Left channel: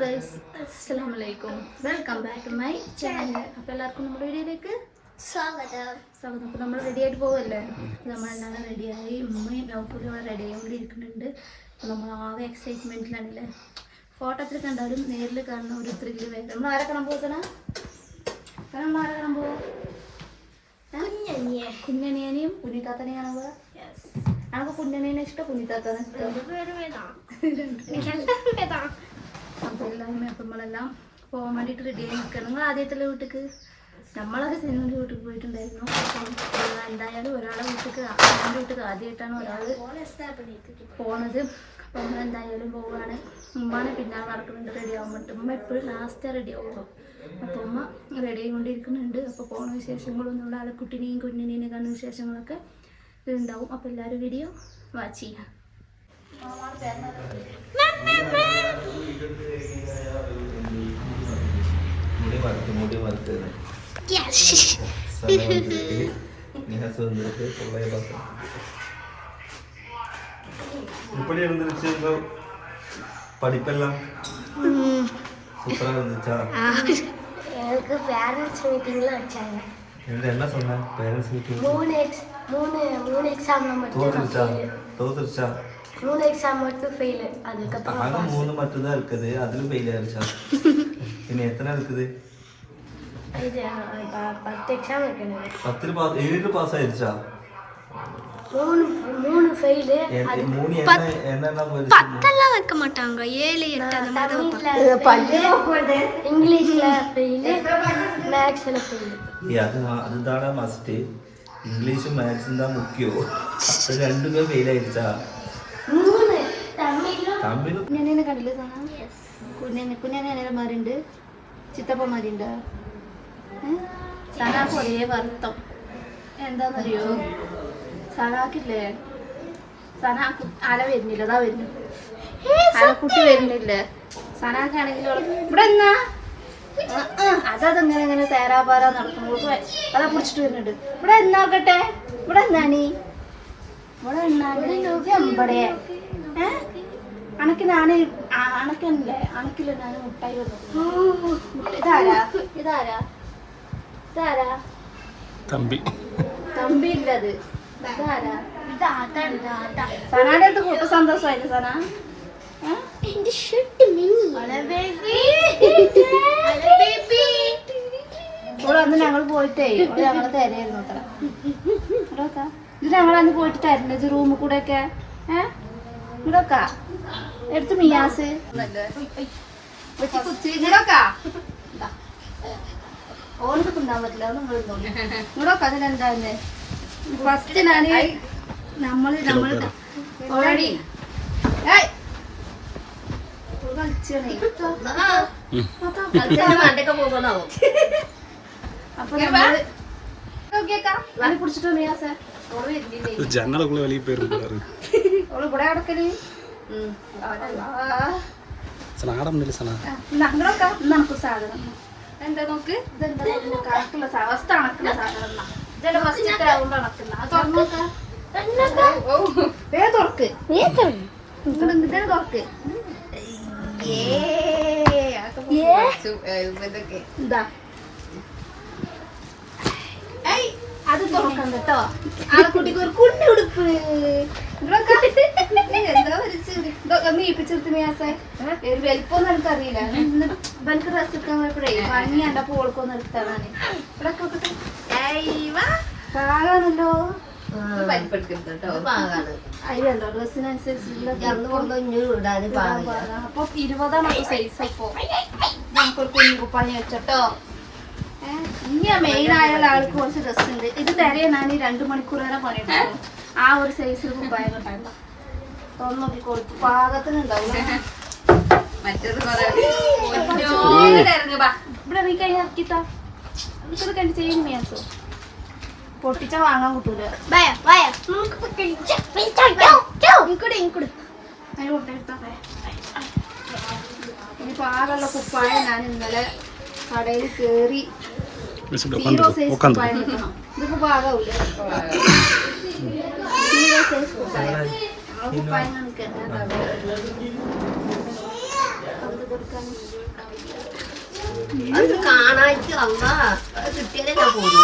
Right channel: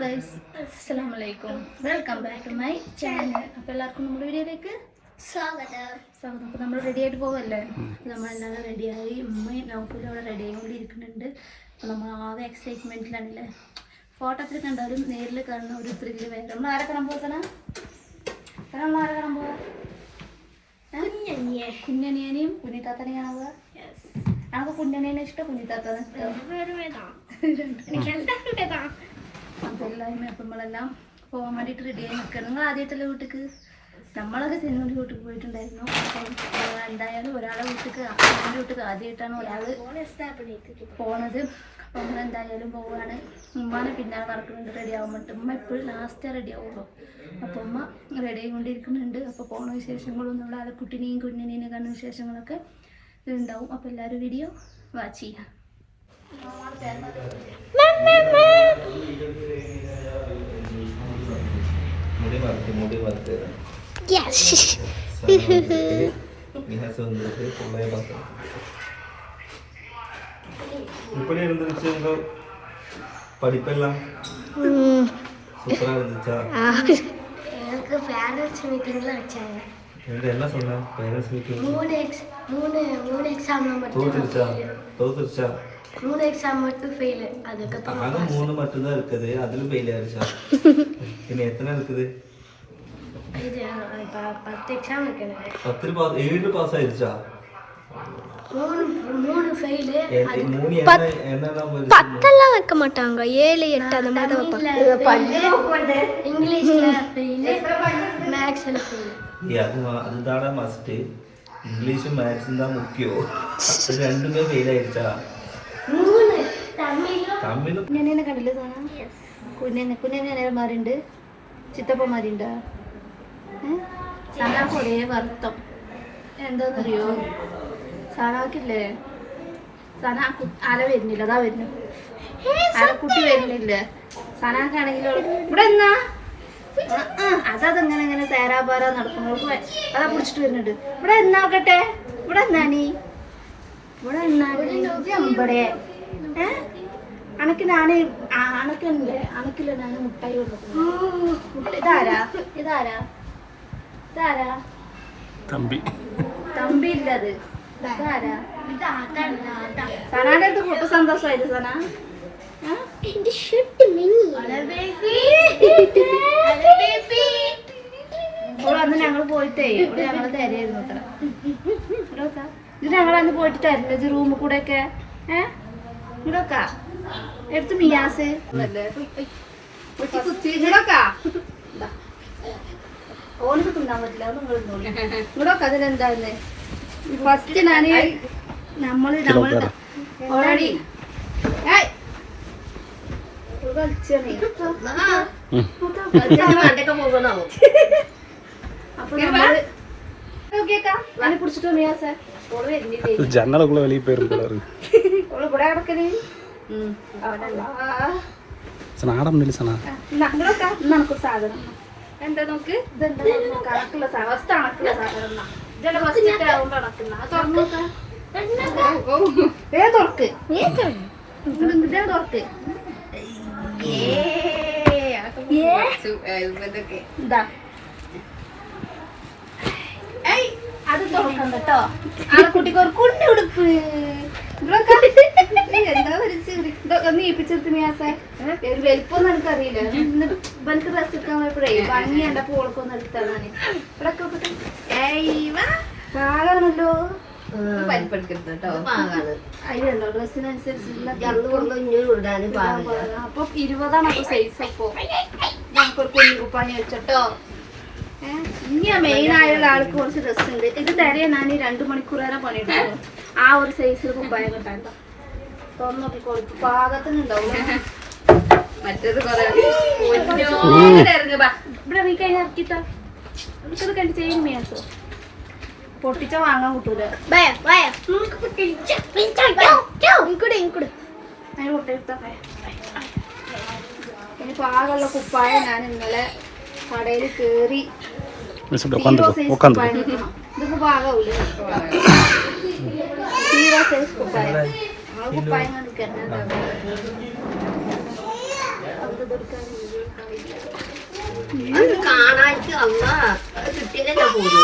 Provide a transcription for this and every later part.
Guys അസ്സാം വലൈക്കും welcome back to my channel അപ്പോൾ എല്ലാവർക്കും നമ്മുടെ വീഡിയോയിലേക്ക് സ്വാഗതം. സ്വാഗതം. അപ്പോൾ നമ്മൾ റെഡി ആയിട്ട് പോവല്ലേ? നമ്മളെല്ലാം റെഡിയായി ഉമ്മയും നൗഫലും അവിടെ റെഡി ആയിക്കൊണ്ടിരിക്കുന്നുണ്ട്. അപ്പോൾ നമ്മൾ ആകെ എക്സൈറ്റ്മെന്റിലാണല്ലേ ഫോട്ടോത്തിൽ കണ്ടാലും നേരിൽ കാണുന്ന ഒരു ത്രില്ല് വേറെ. നമ്മൾ ആരെ കാണാൻ പോകണം നമ്മൾ ആരെ കാണാൻ പോവാ? കുഞ്ഞനിയനെയും കുഞ്ഞിത്താത്തനെയും കാണാൻ പോവാ നമുക്ക് കുഞ്ഞനിയനെ ഇഷ്ടം കുഞ്ഞിത്താത്തനെ ഇഷ്ടം അപ്പോൾ എല്ലാവരും അപ്പം നമ്മളെല്ലാം പോകാൻ വേണ്ടിയിട്ട് റെഡിയായി നിൽക്കുക നിങ്ങൾ ആദ്യമായിട്ടല്ലേ വീട്ടിക്ക്? നമ്മളൊക്കെ സിനിമയുടെ വീട്ടിൽ പോയിട്ടുണ്ടായിരുന്നു. അപ്പം എന്തായാലും ഒരാളെ വീട്ടിക്ക് എന്റെ വീട്ടിൽ ആദ്യമായിട്ടാണ് ഒരാൾ പോണത്. അപ്പം നമ്മൾ എന്തായാലും പോവാണ്. ഉമ്മാനെ പിന്നാലെ നടക്കുന്നുണ്ട് റെഡി വേണ്ടിയിട്ട് ഉമ്മ എപ്പോഴും ലാസ്റ്റേ റെഡി ആവുള്ളൂ. അപ്പോൾ ഉമ്മ റെഡി ആയിക്കൊണ്ടിരിക്കുന്നുണ്ട്. അപ്പോൾ പോണ വിശേഷങ്ങളും നമ്മുടെ കുട്ടിനെയും കുഞ്ഞിനെയും കണ്ണ വിശേഷങ്ങളൊക്കെ ഉണ്ടാവും അപ്പോൾ എല്ലാവരും വീഡിയോ വാച്ച് ചെയ്യാം. இப்படி இருந்துருச்சு படிப்பெல்லாம் சூப்பரா இருந்துச்சா எனக்கு பேரண்ட்ஸ் மீட்டிங்ல வச்சாங்க எங்க என்ன சொன்னேன் பேரண்ட்ஸ் மீட்டிங் மூணு மூணு மூணு எக்ஸாம் நம்ம தோத்துருச்சா தோத்துருச்சா மூணு எக்ஸாம் மட்டும் ஃபெயில் அதுக்கப்புறம் ஆக மூணு மட்டும்தான் இருக்குது அதுல ஃபெயில் ஆயிருச்சா இனி எத்தனை இருக்குது இது ப- பத்து எக்ஸாம் இருக்கு எனக்கு பத்துல பாஸ் ஏழு பாஸ் ஆயிருச்சா மூணு மூணு ஃபெயிலு எ- மூணு என்ன என்னென்ன போயிருச்சு? பத்தெல்லாம் வைக்க மாட்டாங்க ஏழு எட்டு அந்த மாதிரி தான் வைப்பாங்க இங்கிலீஷ்ல ஃபெயிலு மேக்ஸில் ஃபெயிலு ஏய், அது மா- அதுதானே மஸ்ட் இங்கிலீஷும் மேக்ஸும் தான் முக்கியம் அது ரெண்டுமே ஃபெயில் കുഞ്ഞനെ കണ്ടില്ലേ സാധ കുഞ്ഞനെ കുഞ്ഞനെ ഏതമാരുണ്ട് ചിത്തപ്പന്മാരുണ്ടോ. സനാക്ക് ഒരേ വർത്തം. എന്താന്നറിയോ? സനാക്കില്ലേ? സനാ കു- ആല വരുന്നില്ല അതാ വരുന്നു. കുട്ടി വരുന്നില്ലേ? സനാക്കാണെങ്കിൽ ഇവിടെ എന്നാ അതങ്ങനെ ഇങ്ങനെ തേരാപാര നടക്കുമ്പോൾ അതാ പിടിച്ചിട്ട് വരുന്നുണ്ട്. ഇവിടെ എന്നാക്കട്ടെ ഇവിടെ എന്നാണീ ഇവിടെ എന്നാ അമ്പടേ ഏ? അണക്ക് ഞാൻ അണക്കല്ലേ അണക്കില്ല ഞാൻ മുട്ടായി ഇതാരാ? ഇതാരാ? ഇതാരാ? തമ്പി. തമ്പി ഇല്ലത് ഇതാരാ? സന? മിനി പോയിട്ടേ ഞങ്ങൾ തരായിരുന്നു അത്ര. ഇത് ഞങ്ങൾ അന്ന് പോയിട്ട് തരില്ല റൂമിൽ കൂടെ ഒക്കെ ഏഹ് ഇവിടൊക്കെ എടുത്ത് മിയാസ്. ഓനക്ക് തിന്നാൻ പറ്റില്ല ഇവിടൊക്കെ അതിലെന്താന്ന് ഫസ്റ്റ് ഞാൻ നമ്മൾ നമ്മൾ ഓൾറെഡി അപ്പൊ നമ്മൾ നോക്കിയേക്കാം. വലിയ പേര് കൂടാറ് ഏ. അത് തുറക്കണ്ട കേട്ടോ. ആ കുട്ടിക്ക് ഒരു കുട്ടി ഉടുപ്പ് ഇവിടൊക്കെ എന്താ ഒരു ചിരി. ഇതൊക്കെ ഒന്ന് ഈപ്പിച്ചെടുത്ത് മേസേ ഒരു വലിപ്പൊന്നും എനിക്കറിയില്ല. എന്നിട്ട് ഇവർക്ക് ഡ്രസ് എടുക്കാൻ പോയപ്പോഴേ ഭംഗി എന്റെ പോൾക്കൊന്നും എടുത്താണ്. പാകാണല്ലോ. അപ്പൊ ഇരുപതാണ് അപ്പൊ സൈസ് അപ്പൊ നമുക്കൊരു കുഞ്ഞു കുപ്പായം വെച്ചോട്ടോ. ഇനി മെയിൻ ആയുള്ള ആൾക്ക് കുറച്ച് ഡ്രസ് ഉണ്ട്. ഇത് തരയെന്നാണ് രണ്ടു മണിക്കൂറേറെ പണിയിട്ടുള്ളൂ ആ ഒരു സൈസിൽ കുപ്പായ കിട്ടാണ്ടോ നോക്കി കൊടുത്തു പാകത്തിനുണ്ടാവും മറ്റേത് കൊറേ ഇവിടെ നീ കഴിഞ്ഞ ഇറക്കിട്ടോ നമുക്കത് കണ്ടു ചെയ്യാൻ മേസോ പൊട്ടിച്ച വാങ്ങാൻ കിട്ടൂല. ഇനി പാകുള്ള കുപ്പായ ഞാൻ ഇന്നലെ കടയിൽ കേറി ಬಿಸಿಬಿಟ್ಟು ಒಕ್ಕಂತ ಒಕ್ಕಂತ കാണാറ്റ് അമ്മ കിട്ടിയില്ല ഞാൻ പോകുന്നു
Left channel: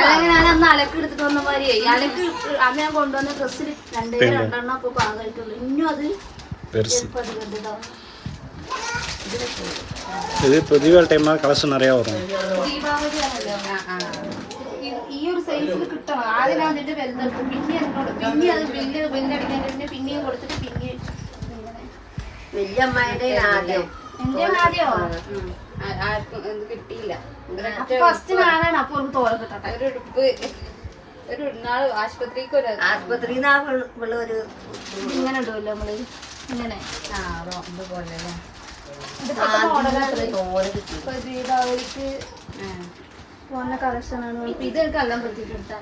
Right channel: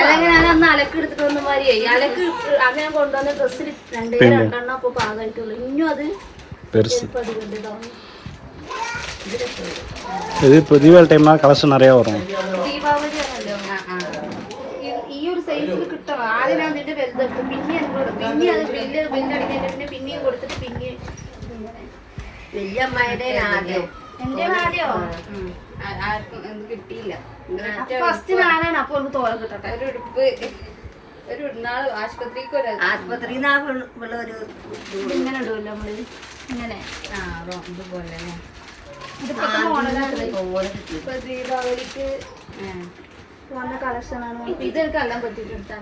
അല്ലെങ്കിൽ ഞാൻ അന്ന് അലക്ക് എടുത്തിട്ട് വന്ന മാതിരിയേ അലക്ക് അന്ന് ഞാൻ കൊണ്ടുവന്ന ഡ്രസ്സിൽ രണ്ടേ രണ്ടെണ്ണം അപ്പൊ പാകമായിട്ടുള്ളൂ ഇനിയും അത് பெருசு ചിലപ്പോ അത് വലുതാവും இது இப்போ தீபாவளி டைம்னா கலெக்ஷன் நிறையா வரும் ദീപാവലി ആണല്ലോ ഈ- ഈ ഒരു സൈസിൽ കിട്ടണം ആദ്യം ഞാൻ അതിന്റെ വലുതെടുക്കും പിന്നെ ഞാൻ കൊടുക്കും. പിന്നെ അത് ബില്ല് ബില്ലടിക്കാൻ പിന്നെ പിന്നെയും കൊടുത്തിട്ട് പിന്നെയും വലിയ അമ്മായിയുടെ ആദ്യം എന്റെ ആദ്യോ കിട്ടിയില്ല. ഫസ്റ്റ് ഞാനാണ് അപ്പൊ തോളം കിട്ടട്ടെ? ഒരു ഉടുപ്പ് ഒരു നാൾ ആശുപത്രിക്ക് ഒരു ആശുപത്രിയിൽ നിന്ന് ഒരു ഇങ്ങനെ ഉണ്ടല്ലോ നമ്മൾ? ഇങ്ങനെ. ആ, ഇപ്പൊ ദീപാവലിക്ക് വന്ന കളക്ഷനാണ് ഇത് എനിക്ക് എല്ലാം പറ്റിട്ടെടുത്താൻ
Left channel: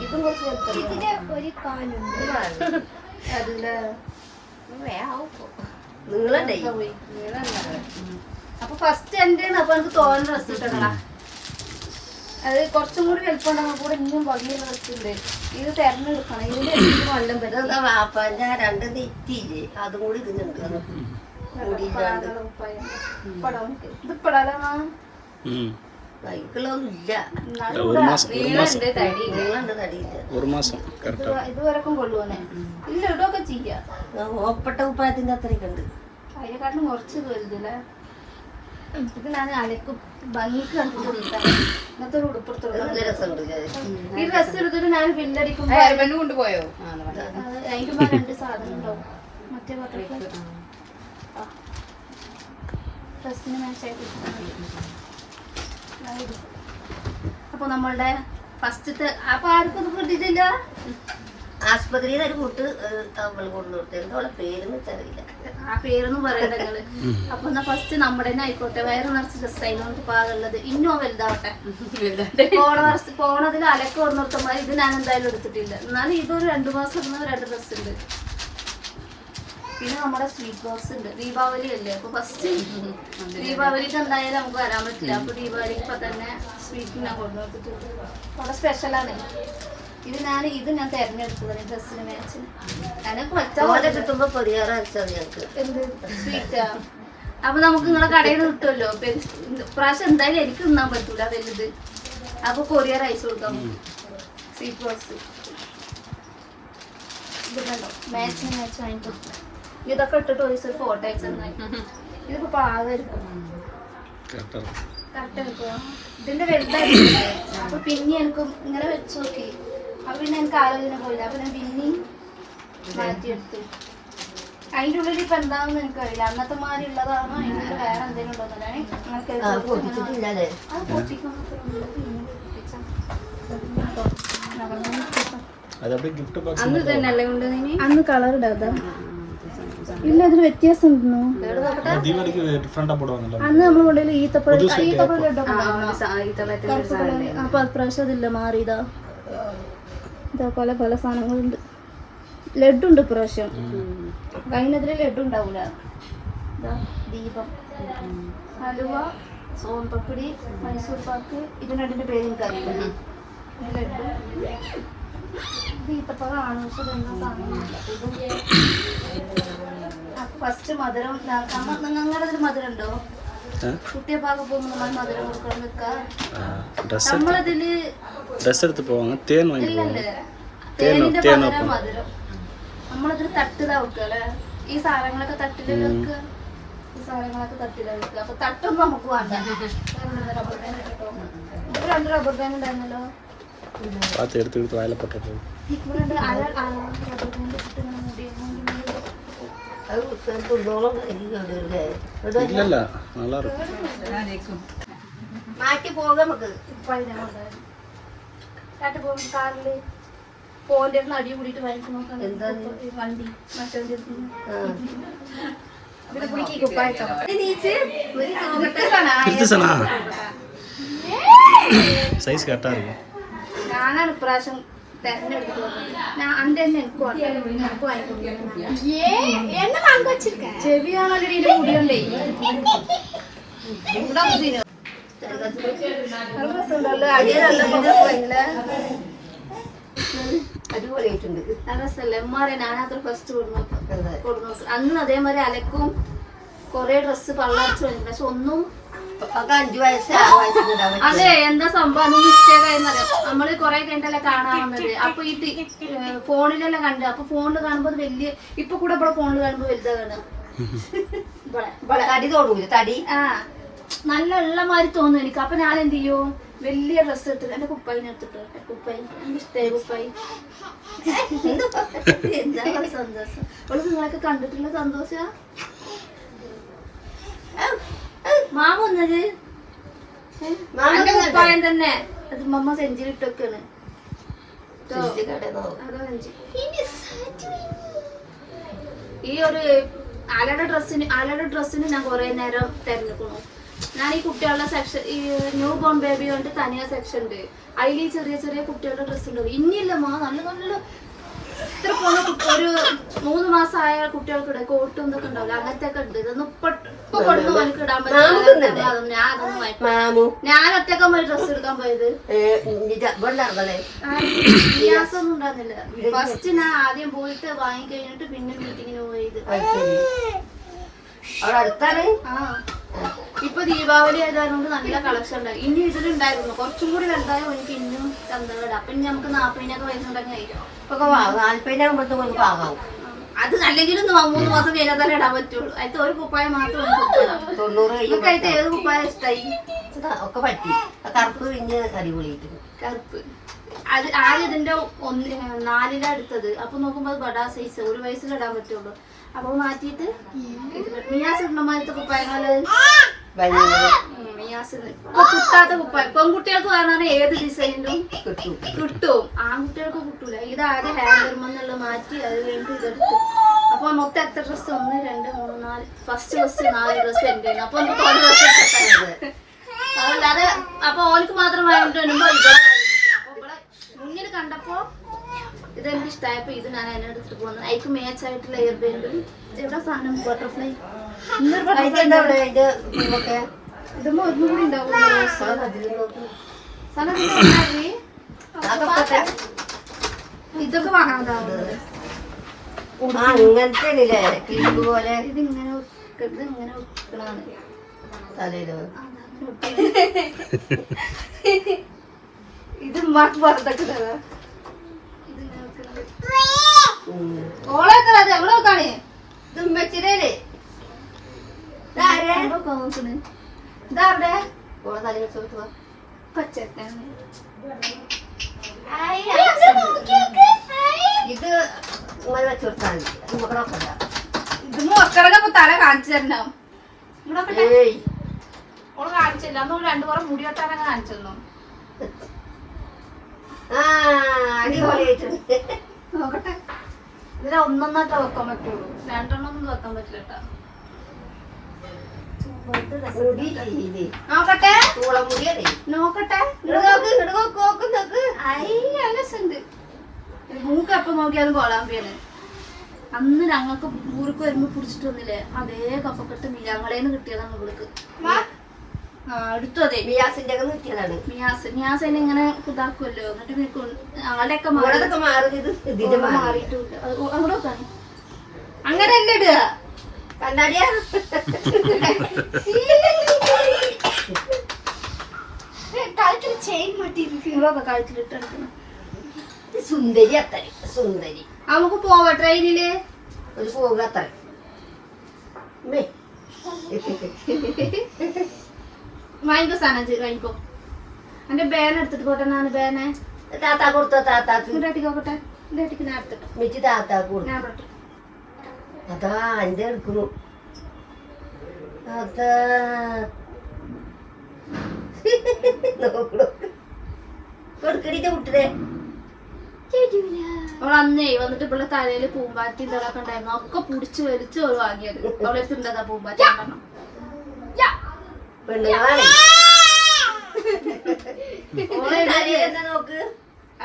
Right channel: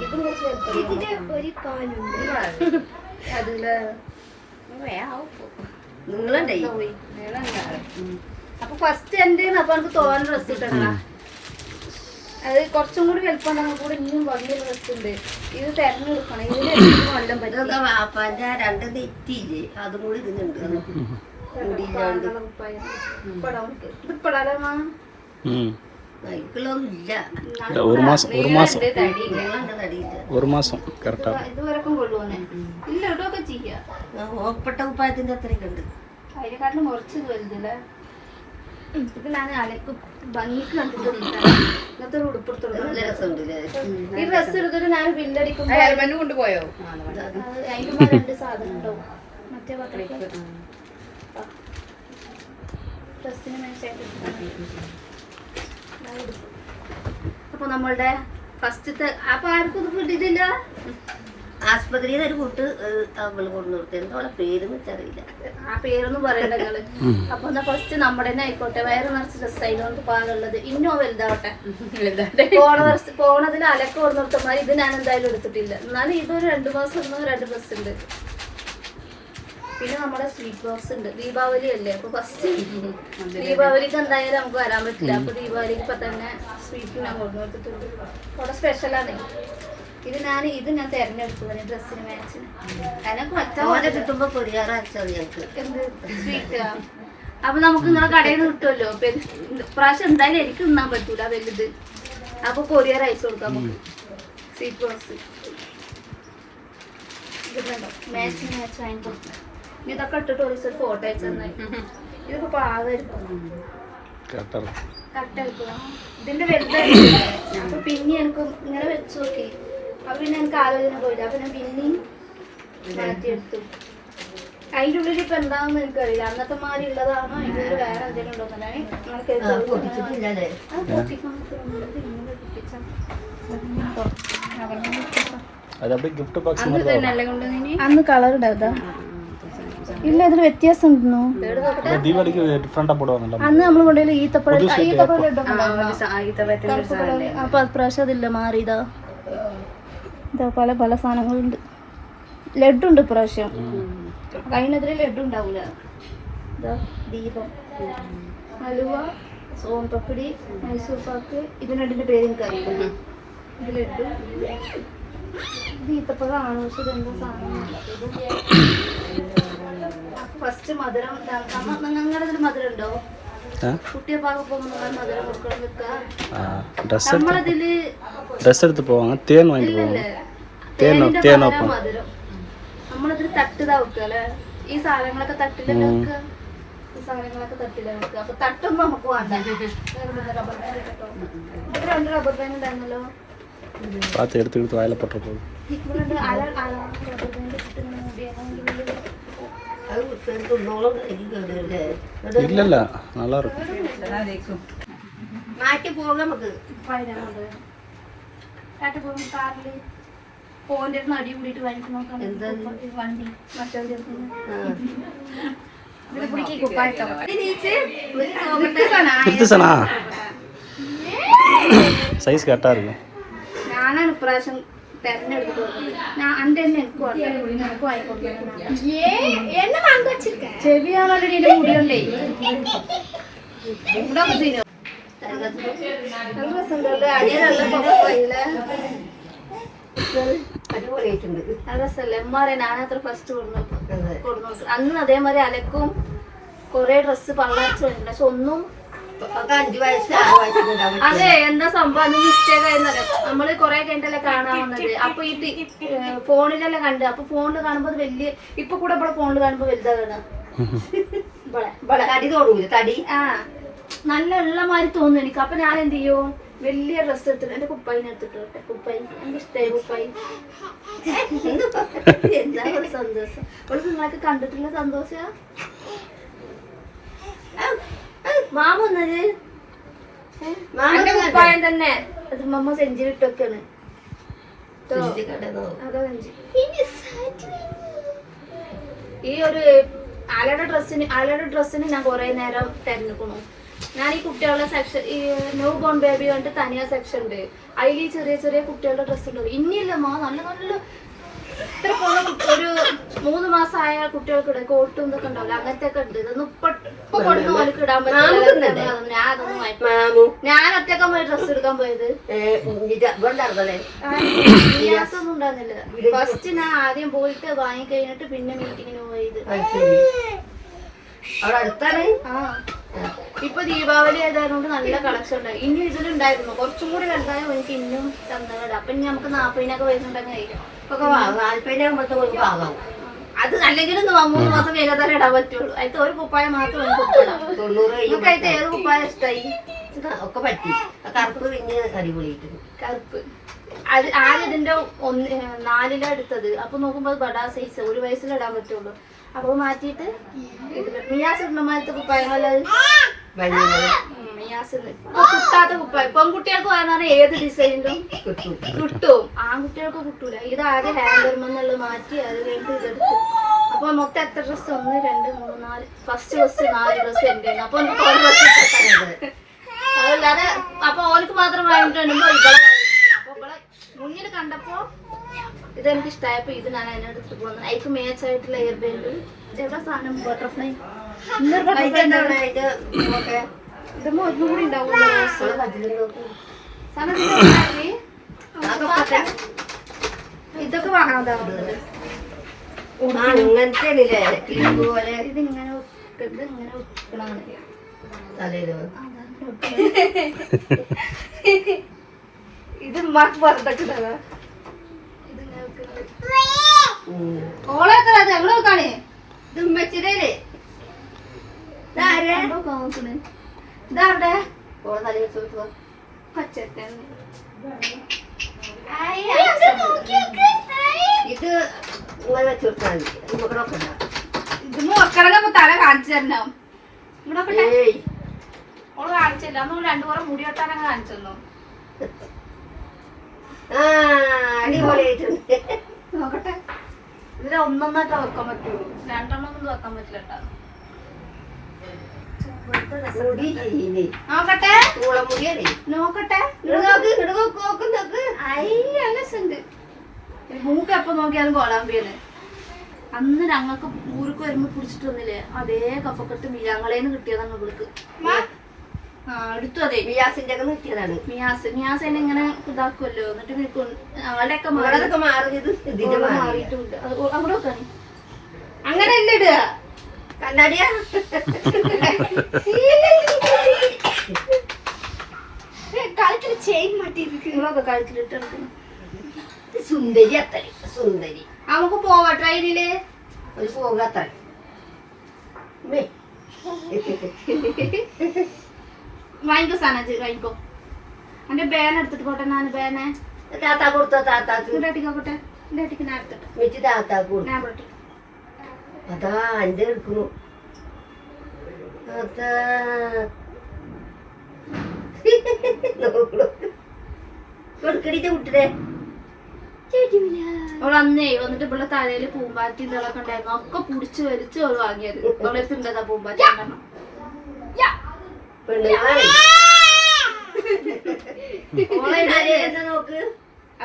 ഇതും കുറച്ച് വലുപ്പം ഒരു കാലുണ്ട് അതിൽ നീളണ്ടേ അപ്പൊ ഫസ്റ്റ് എന്റെ അപ്പൊ എനിക്ക് തോന്നുന്ന ഡ്രസ് ഇട്ടതാ അത് കുറച്ചും കൂടി വലുപ്പം ഉണ്ടെങ്കിൽ കൂടെ ഇനിയും വലിയ ഡ്രസ് ഉണ്ട്. ഇത് തെരഞ്ഞെടുക്കണം. ഇതിന് എനിക്ക് കൊല്ലം പറ്റും. വാപ്പാന്റെ രണ്ട് നെറ്റിയില്ലേ? അതും കൂടി ഇതിനുണ്ട്. ഇത് പെടാലോ ഒരു മാസം ഒരു മാസം. ഒരു മാസം കറക്റ്റ് ഇതുവരെക്കും കൊള്ളുവന്നേ ഇല്ല ഇടൊക്കെ ചെയ്യാം. ഓപ്പട്ട ഉപ്പായത്തിന്റെ അത്രയൊക്കെ ഉണ്ട്. അതിനെക്കാട്ടിലും കുറച്ച് ഇത് വലുതില്ലേ ഇപ്പത്തിനാണ് അലക്ക്. ഭംഗിക്ക് കണ്ടിട്ട് ഇങ്ങനത്തെ ഒരു ഉടുപ്പെടുത്തുള്ളൂ ഈ ഡ്രസ് എടുത്തിട്ട് ഞാൻ ബില്ലടിക്കുമ്പോ കൊണ്ടുപോയോ? അതിന്റെ രണ്ട് സാധനം ഉണ്ടാവും. മറ്റേ പത്രത്തിൽ ഡ്രസ്സിന് മാച്ചായിട്ട് അപ്പൊ നമ്മളുടെ ഫസ്റ്റത്തെ അപ്പൊ ആർക്കും കിട്ടിയിട്ടില്ല ആസ്പത്രിയിൽ ഒരു കൂട്ട് താങ്കൾ കൊണ്ടു നിർത്തി എന്തോളെ പേരെന്ന് വെച്ചറിയില്ല ആ പേരൊന്നും പറയണ്ട നിങ്ങൾ. അപ്പൊ എന്നാ ഫസ്റ്റ് നമ്മുടെ തന്നെ ആയിക്കോട്ടെ. വയറ് നിറച്ച് ഡ്രസ് ആയതുകൊണ്ട് പാകുള്ളത് ഇന്നോ വലുതാവട്ടെ. പോണ വർഷം പോണതിൽ അലക്ക കൊടുന്നിർത്തമാർ ഇത് ഞാൻ എന്തായാലും എടുത്തിട്ടില്ല. എന്നാലും ഇതൊരു രണ്ടു മാസം ഇടുന്ന രണ്ട് ഡ്രസ്സ് ഉണ്ട്. പിന്നെ നമ്മുടെ സ്വീറ്റ് ബോക്സ് ഉണ്ട്. ദീപാവലി അല്ലേ? അപ്പൊ ഫസ്റ്റ് ദീപാവലിക്ക് എന്തായാലും നമുക്ക് വരാൻ പറ്റില്ല. അപ്പൊ ദീപാവലിക്ക് ഇപ്പൊ തന്നെ സ്വീറ്റ് ഞാൻ കൊണ്ടുവന്നിട്ടുണ്ട്. അവിടെ സ്പെഷ്യലാണ് ഇത് ഞാൻ ഇത് ഞാൻ തെരഞ്ഞെടുത്തതാണ്. ഡ്രസ്സിന് മാച്ചിന് അതിനൊക്കെ തോനെ മറ്റേ കിട്ടുമ്പോ പരിഹാരം സ്വീറ്റാ അപ്പൊ നമുക്ക് നിങ്ങളെ കടയിൽ നിന്ന് കിട്ടുമല്ലോ? പ്രാവശ്യം എന്തായാലും എനിക്ക് തിന്നാൻ പറ്റൂല വലുത്. അപ്പൊ കൊറിയർ അയച്ചു കൊടുക്കാം സ്വീറ്റ് ബോക്സ് ഇതുണ്ടോ മാച്ച് മാച്ച് വാങ്ങി കൊടുക്കാം ഇതൊക്കെ ഇട്ടിട്ട് ഒരു ഫോട്ടോ അയച്ചു തന്നാൽ ഇതിപ്പോ പാകായിരിക്കും ഇതിന്റെ വലുതായിട്ടില്ലേ അപ്പൊ പിന്നെ എനിക്ക് ഇങ്ങനെ വെച്ചു നോക്കി. അപ്പൊ പിന്നെ എനിക്ക് ആലോചന പോയില്ല. അപ്പൊ ഞാൻ പിന്നെയും മാറ്റിയെടുത്തു. അതിന്റെ ഉള്ളിൽ ഇപ്പൊ എന്താണെന്ന് എനിക്കറിയില്ല. അന്നത്തെ മാതിരി ഉള്ളതാണോ? അതിന്റെ ഉള്ളിൽ വേറെ എന്തെങ്കിലും ഉണ്ടോ എന്നാണ് അന്ന് കളർ ഉണ്ടാകും ഇല്ല അതിന് വ്യത്യാസം ഉണ്ടോ ദീപാവലിക്ക് ഡിഫറെന്റ് അപ്പോഴോ അന്ന് നമ്മൾ കൊണ്ടുപോയി ഈത്തപ്പഴം ഈത്തപ്പഴം അപ്പൊ പ്രാവശ്യം അതില്ല മാറിയതാ. ഇതാ പല പല സാധനങ്ങളുണ്ട്. ലഡുണ്ട് ഇപ്രാവശ്യം. കഴിഞ്ഞതിൽ ലഡു ഉണ്ടാവൂല ഇതാ ദീപം. ഹലുവ സോൻ മൈസൂർ പാക്ക്. ഇതിനടിന്റെ പേര് എനിക്കറിയില്ല. ഇത് ലഡു. ഇത് ഈത്തപ്പഴമാണ് പക്ഷെ ഇതെന്താ സാധനം ഫസ്റ്റ് മധുരം ഉണ്ടാക്കാം അങ്ങനെ ഒരു മധുരം ഉണ്ടോ ഡ്രസ് എടുത്ത് പോവാ തേൻ വാങ്ങി கொடுத்து வாயில போட்டுருக்கோம் ഇവിടെ രണ്ട് അര അര റബ്ബർ ബാൻഡ് ഇട്ടിട്ട് ഇങ്ങനെ മുടിയൊക്കെ അത് തിന്നോളം കേടുവല്ലേ இல்லை இல்லை நல்லா இருக்கும் മാറ്റി പോകാം നമുക്ക് പതിനാറുണ്ട് ചേട്ടൻ പോകും കാറില് പോന്റെ അടുത്ത് അടി കൂടിയിട്ട് വാങ്ങിച്ചു നോക്കാം എന്താണ്? വണ്ടി മറ്റേ எடுத்துச்சனா சைஸ் கரெக்டாக இருக்கும் ഞാനാണ് ഫസ്റ്റ് അന്ന് അതേമാതിരി അലക്കും കൊറേ ഡ്രസ്സ് പള്ളർച്ച് പക്ഷെ ഒന്നും അത് എന്താ സംഭവം? മിസ്റ്റേക്ക് നമ്മൾ കൊറേ കഴിഞ്ഞിട്ടല്ലേ കാണാൻ വന്നത് അപ്പൊ ഈ ഫോണിലല്ല കണ്ടു. അപ്പൊ ഫോണിൽ കാണുമ്പോ വലിയ ഇപ്പൊ കൂടെ ഇവിടെ ഫോണിൽ കാണുമ്പോ വലുതാ കാണാം തടി തോടൂല തടി? ആ നല്ല ഉള്ള മാതിരി തോന്നുന്നു എനിക്ക്. അപ്പൊ ഞാൻ എന്ത് ചെയ്യും? വലിയ ഡ്രസ് എടുത്തിട്ട് എന്റെ കുപ്പായിന് എടുത്തിട്ട് കുപ്പായി എന്റെ ഇഷ്ടേ കുപ്പായി. എന്താ സന്തോഷം? അവൾ നിങ്ങളൊക്കെ കണ്ടിട്ടുള്ള സന്തോഷ? മാമ വന്നത് കുപ്പായം തന്നെ. അത് മമ്മ ഈ ഒരു ആലയുടെ ഡ്രസ്സിന് ആലയുടെ ഡ്രസ്സിന് ഞാൻ കുറെ നേരം തിരഞ്ഞെടുക്കുന്നു. ഞാൻ ഈ കുട്ടികളുടെ സെക്ഷൻ ഈ ന്യൂ ബോൺ ബേബി കണ്ടിട്ട് തനിയാ സെക്ഷൻ ഉണ്ട്. അതിൽ ചെറിയ ചെറിയ കുട്ടികളുടെ ഡ്രസ്സ് ഉണ്ട് ഇനിയില്ല മാ. നല്ല നല്ല ഇത്ര പോകുന്ന ഒരു മൂന്ന് മാസമായ കുട്ടികൾക്ക് കോട്ടും ഇതൊക്കെ ഉണ്ടാവില്ല? അങ്ങനത്തെ ഒക്കെ ഉണ്ട്. ഇതൊന്നും ഇപ്പൊ കൊടുക്കുന്ന പോലെ ഇടാൻ പറ്റില്ല. ഞാൻ ഒറ്റക്ക പോയി ഡ്രസ് എടുക്കാൻ പോയത്. വ്യത്യാസമൊന്നും ഉണ്ടായിരുന്നില്ല. ഫസ്റ്റ് ഞാൻ ആദ്യം പോയിട്ട് വാങ്ങി കഴിഞ്ഞിട്ട് പിന്നെ മീറ്റിങ്ങിന് പോയത്. അടുത്താണ്? ആ. ഇപ്പൊ ദീപാവലി ആയതുകൊണ്ട് നല്ല കളക്ഷൻ ഉണ്ടായി. ഇനി ഇതിലുണ്ടായിരുന്നു. കുറച്ചും കൂടി വലുതായ എനിക്ക് ഇന്നും തന്നതാണ് അപ്പൊ ഇനി നമുക്ക് നാപ്പതിനൊക്കെ വരുന്നുണ്ടെങ്കിൽ ഇപ്പൊ നാല്പതിനാകുമ്പോഴത്തെ ഒരു പാകാവും അത് അല്ലെങ്കിലും മൂന്ന് മാസം കഴിഞ്ഞാൽ ഇടാൻ പറ്റുള്ളൂ. അതിന്റെ ഒരു കുപ്പായ മാത്രം തൊണ്ണൂറ് അതിന്റെ ഏത് കുപ്പായ ഇഷ്ടമായി ഒക്കെ പറ്റി. കറുപ്പ് പിന്നെ അടിപൊളിയായിട്ടുണ്ട് കറുപ്പ്. അത് ആദ്യം ഇതിന്റെ ഒന്ന് നാലിലെ അടുത്തത് എടുത്തത്. അപ്പൊ നോക്കുമ്പോ അത് ബഡാ സൈസ് ഒരു വയസ്സിൽ ഇടാൻ പറ്റുള്ളൂ. അപ്പൊ മാറ്റിയിട്ട് മിയാസ് ഇടണമാരത്തെ ഇപ്പൊ കിട്ടാത്ത കുപ്പായം. പെൺകുട്ടികൾക്ക് പറഞ്ഞാൽ ഏത് ഡിസൈനിലും കിട്ടും. കിട്ടും. ആൺകുട്ടികൾക്ക് കിട്ടൂല. ഇത് ആദ്യം ഹാൻഡർമെന്നുള്ള മാറ്റി അത് കഴിഞ്ഞിട്ട് ഇതെടുത്തു അപ്പൊ മൊത്തം എത്ര ഡ്രസ്സ് ഒന്ന് രണ്ട് മൂന്ന് നാല്. ഫസ്റ്റ് ഫസ്റ്റ് നാല് ഡ്രസ്സ് എന്റെ അപ്പൊ നമുക്ക് ഒരു ഡ്രസ്സ് അതല്ലാതെ അപ്പൊ ഓനക്ക് മാത്രം വാങ്ങിട്ട് വരുമ്പോ ഇവിടെ. അപ്പൊ ഇവിടെ മുന്നിൽ കണ്ടപ്പോ ഇതെനിക്ക് ഇഷ്ടമായപ്പോ ഇത് ഞാൻ അതിനെടുത്തിട്ട് പോകുന്നത് അതിക്ക് മേച്ചായിട്ടുള്ള എയർ ബാൻഡ് എവിടെ സാധനം? ബട്ടർഫ്ലൈ ഇതൊക്കെ വാങ്ങണതാ? പോലെ ഇതിങ്ങനെ ഉക്ക്- ഇത് ഉമ്മാക്ക് പറഞ്ഞിട്ടുള്ളതാ ഇത് ഓളൊക്കെ അത് എവിടെ നോക്കാണ് ഇത് ഉമ്മച്ചിരേ നോക്കണ് ഇതാരുടെ ഓളെ തലയിൽ വെച്ച് കൊടുത്തോ. പച്ചക്കൻ ഇത് തല കാണിച്ചു തരണം ഓൾ കാണിച്ചില്ല. അന്ന് രണ്ടു കുറേ മുടി വെട്ടാനെ കാണിച്ചല്ലോ. ആ അടിപൊളിയായിട്ടുണ്ട്. നോക്കട്ടെ. ഇതിൽ ഒന്നൊന്നായിട്ട് വെക്കാൻ പറ്റുള്ളൂ. രണ്ടെണ്ണം ഒന്നും വെക്കാൻ പറ്റില്ല കേട്ടോ മുടി ഇല്ലേ? നോക്കട്ടെ ചൂളമുടിയാണേ നോക്കട്ടെ ഇങ്ങട് നോക്ക് ഇങ്ങട് നോക്ക് നോക്ക് നോക്ക് ഐ നല്ല രസമുണ്ട് മൂക്ക് എപ്പോ നോക്കിയാലും കോളാമ്പിയാണ് അന്ന് ഞങ്ങൾക്ക് ഊർക്ക് വരുമ്പോ പിടിച്ചിട്ട് വന്നില്ലേ? അതേ കഫക്കെട്ട് ഞങ്ങളേന്ന് കിട്ടിയതാണ് ഇവിടേക്ക് എടുത്തു അതെ. മിയാസിന്റെ ഒക്കെ നിർത്തിയതാണ് മിയാസ് മിയാസ് എന്നെ ഇങ്ങനെ ഇതാക്കുമല്ലോ എന്നിട്ട് പിന്നെ കൊ- ഞങ്ങളുടെയൊക്കെ മാറിയത് മാറിയിട്ടുണ്ട്. അവിടെ വെക്കാണ് അങ്ങനെ അല്ലേ ഇടുക. കണ്ണാടിയാ? കഴുത്തിൽ ചെയിൻ മാറ്റിയിരിക്കും കഴുത്തിലിട്ടുണ്ട് ഇത് സുന്ദരി അത്ര സുന്ദരി. നമുക്ക് പോവാ ട്രെയിനിൽ ഒരു പോകുക അത്ര. വാങ്ങിക്കോ സാധനം വാങ്ങിക്കോ. എന്റെ ബേന എടുത്തിട്ട് പോട്ടെ ഞാൻ ബേനെ താത്താ കൊടുത്ത താത്താക്ക്. ഇങ്ങോട്ടേക്കോട്ടെ എന്റെ അടിക്ക് ഞാൻ എടുത്തിട്ട്. താത്താക്ക് ഞാൻ പെട്ടു. അതാ അഞ്ച് എടുക്കുന്നു. കൊടുക്കടിച്ച അവൾ അന്നേ വന്നിട്ട് ഇവിടെ തലയിൽ പൂമ്പാറ്റി ഇതൊക്കെ ഉണ്ടായിരുന്നു. ഒക്കെ പുടിച്ച് വലിച്ച് അവൾ വാങ്ങിയത്. അവളെ തിണ്ടതാ പൂമ്പാറ്റി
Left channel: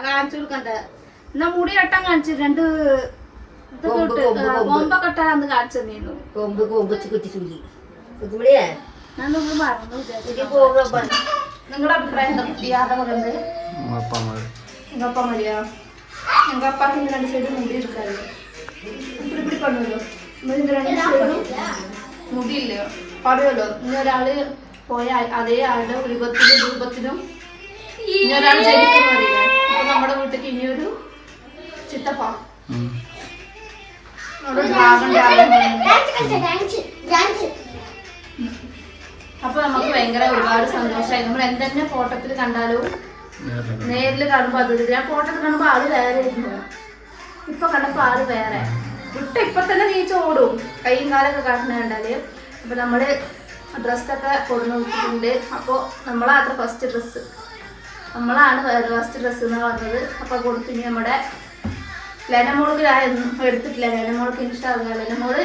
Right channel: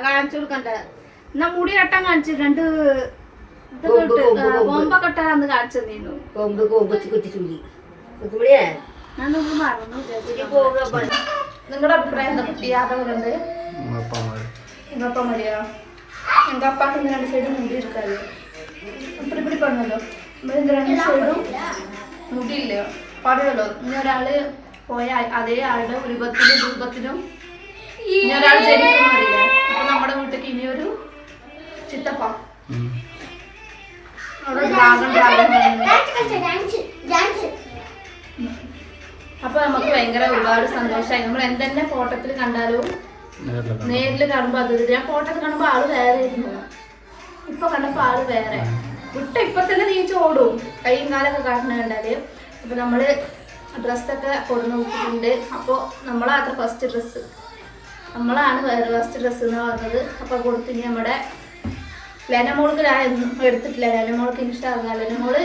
കാണിച്ചു കൊടുക്കണ്ട. എന്നാ മുടി കെട്ടാൻ കാണിച്ചു രണ്ട് കൊമ്പൊക്കെ ഇട്ടാ അന്ന് കാണിച്ചു തന്നീന്നു കൊമ്പ് കൊമ്പച്ച് കുറ്റി ചൂലി ഞാൻ നമുക്ക് മറന്നു വിചാരിച്ചു കുറ്റി പോകുക നിങ്ങളുടെ അഭിപ്രായം എന്താ? കുട്ടി യാത്ര പറയുന്നത് മതിയോ ഞങ്ങൾ അപ്പാക്ക് ഇങ്ങനെ രണ്ട് സൈഡ് മുടി ഇപ്പിടി രണ്ട് സൈഡും ഇനി ഒരാൾ പോയ അതേ ആളുടെ രൂപത്തിലും രൂപത്തിലും ഇനി ഒരാൾ ജനിക്കുന്നറിയില്ല അപ്പൊ നമ്മുടെ വീട്ടിലേക്ക് ഇനിയൊരു ചിത്തപ്പ. അപ്പൊ നമുക്ക് ഭയങ്കര ഒരുപാട് സന്തോഷമായി. നമ്മൾ എന്തെന്നെ ഫോട്ടോത്തിൽ കണ്ടാലും നേരിൽ കാണുമ്പോ അത്. ഞാൻ ഫോട്ടോ കാണുമ്പോ ആൾ വേറെ ആയിരുന്നു. ഇപ്പൊ കണ്ടപ്പോ ആൾ വേറെ. വിട്ട ഇപ്പൊ തന്നെ നീച്ച് ഓടും. കൈയും കാലൊക്കെ കാട്ടണ കണ്ടാൽ. അപ്പൊ നമ്മൾ ഡ്രസ്സൊക്കെ കൊടുന്നു വെച്ചിട്ടുണ്ട് അപ്പൊ നമ്മളാത്ര ഫസ്റ്റ് ഡ്രസ്സ് നമ്മളാണ് ഫസ്റ്റ് ഡ്രസ്സ് എന്ന് പറഞ്ഞത്. അപ്പൊ കൊടുത്തു ഇനി നമ്മുടെ ലെനമോൾക്ക് ഒന്നും എടുത്തിട്ടില്ല. ലെനമോൾക്ക് ഇൻസ്റ്റാഗ്രാം ലെനമോൾ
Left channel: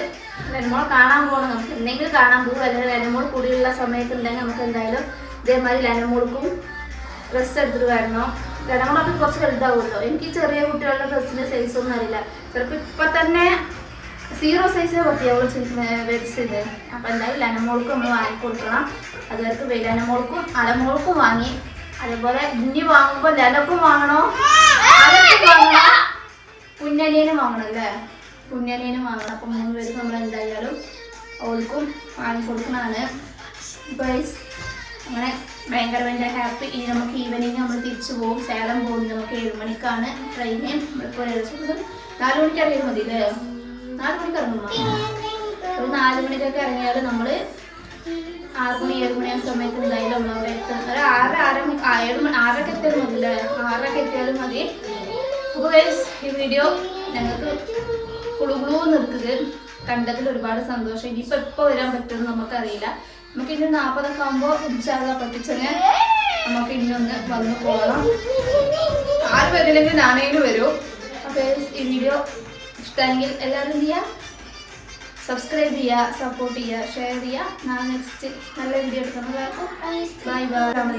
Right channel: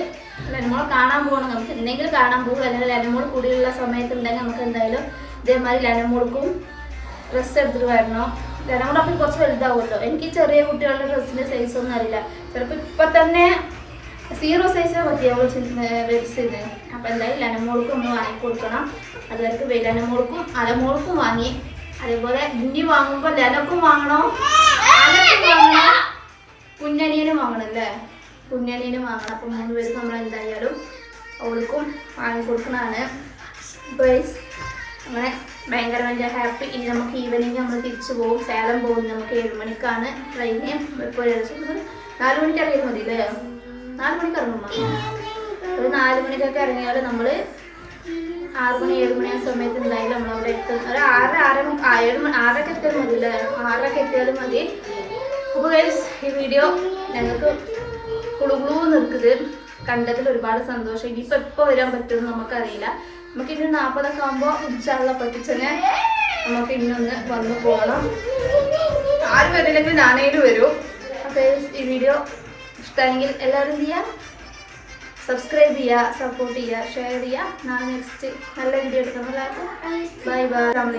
ലെനമോൾ കാണാൻ പോകണം. നമുക്ക് എന്തെങ്കിലും കാണാൻ പോകും അല്ലെങ്കിൽ ലെനമോൾ കൂടിയുള്ള സമയത്ത് ഉണ്ടെങ്കിൽ നമുക്ക് എന്തായാലും ഇതേമാതിരി ലെനമോൾക്കും ഡ്രസ്സ് എടുത്തിട്ട് വരണം. ലെനമോളൊക്കെ കുറച്ച് വലുതാവുമല്ലോ. എനിക്ക് ചെറിയ കുട്ടികളുടെ ഡ്രസ്സിന്റെ സൈസ് ഒന്നും അറിയില്ല. ചിലപ്പോൾ ഇപ്പൊ തന്നെ സീറോ സൈസ് പറ്റിയവൾ വെച്ചിത് അപ്പൊ എന്തായാലും ലെനമോൾക്കും നമ്മൾ വാങ്ങി കൊടുക്കണം. അതുവർക്ക് ലെനമോൾക്കും അലമോൾക്കും വാങ്ങി. അതുപോലെ ഇനി വാങ്ങുമ്പോൾ ലെനക്കും വാങ്ങണോ? അലക്കും വാങ്ങണോ? കുഞ്ഞനിയനും വാങ്ങണം അല്ലേ കുഞ്ഞനിയനും വാങ്ങണം. അപ്പം മൂന്ന് പേർക്ക് നമ്മൾ എന്തായാലും അവൾക്കും വാങ്ങി കൊടുക്കണതാണ്. ഗൈസ് അങ്ങനെ ഭയങ്കര ഭയങ്കര ഹാപ്പി ഇനി നമുക്ക് ഈവനിങ് നമ്മൾ തിരിച്ചു പോകും സേലം പോകും. നമുക്ക് ഏഴ് മണിക്കാണ് ട്രെയിന് ഇപ്പോൾ നാല് മണിക്ക് ഇറങ്ങിയാൽ മതി അല്ലേ? നാല് മണിക്ക് ഇറങ്ങും. ഒരു നാല് മണിക്കൊക്കെ ഇറങ്ങിയാൽ നമ്മൾ ആറ് മണി ഏഴ് മണി ആ സമയത്ത് എന്തായാലും നമ്മളവിടെ എത്തും. ഒരു ആറ് ആറ് ഏഴ് മണി ആറരക്ക് എത്തിയാലും മതി അല്ലേ? ആറരക്ക് എത്തിയാലും മതി. അപ്പോൾ ഗൈസ് ഈ വീഡിയോ ഞങ്ങൾക്ക് കുളുകുളു നിൽക്കുന്നത് കണ്ടതിൽ ഒരുപാട് സന്തോഷം. ഇനിയിപ്പോൾ എപ്പോൾ വരാൻ പറ്റുമെന്ന് നമുക്കറിയില്ല. നമുക്ക് ഇനി നാൽപ്പതൊക്കെ ആകുമ്പോൾ ഇൻഷാള്ള പറ്റിച്ചെന്നെ നമുക്ക് ഇന്നൊന്ന് വന്നു പോകണം. ആരും വരില്ലെങ്കിൽ നാണയിലും വരും. അപ്പോൾ ഈ വീഡിയോ ഇഷ്ടമെങ്കിൽ എല്ലാവരും ചെയ്യുക സബ്സ്ക്രൈബ് ചെയ്യുക സപ്പോർട്ട് ചെയ്യുക ഷെയർ ചെയ്യുക നാളെ നെക്സ്റ്റ് നല്ല വീഡിയോ എടുക്കുന്ന എല്ലാവർക്കും ബൈ ബൈ അസ്സാം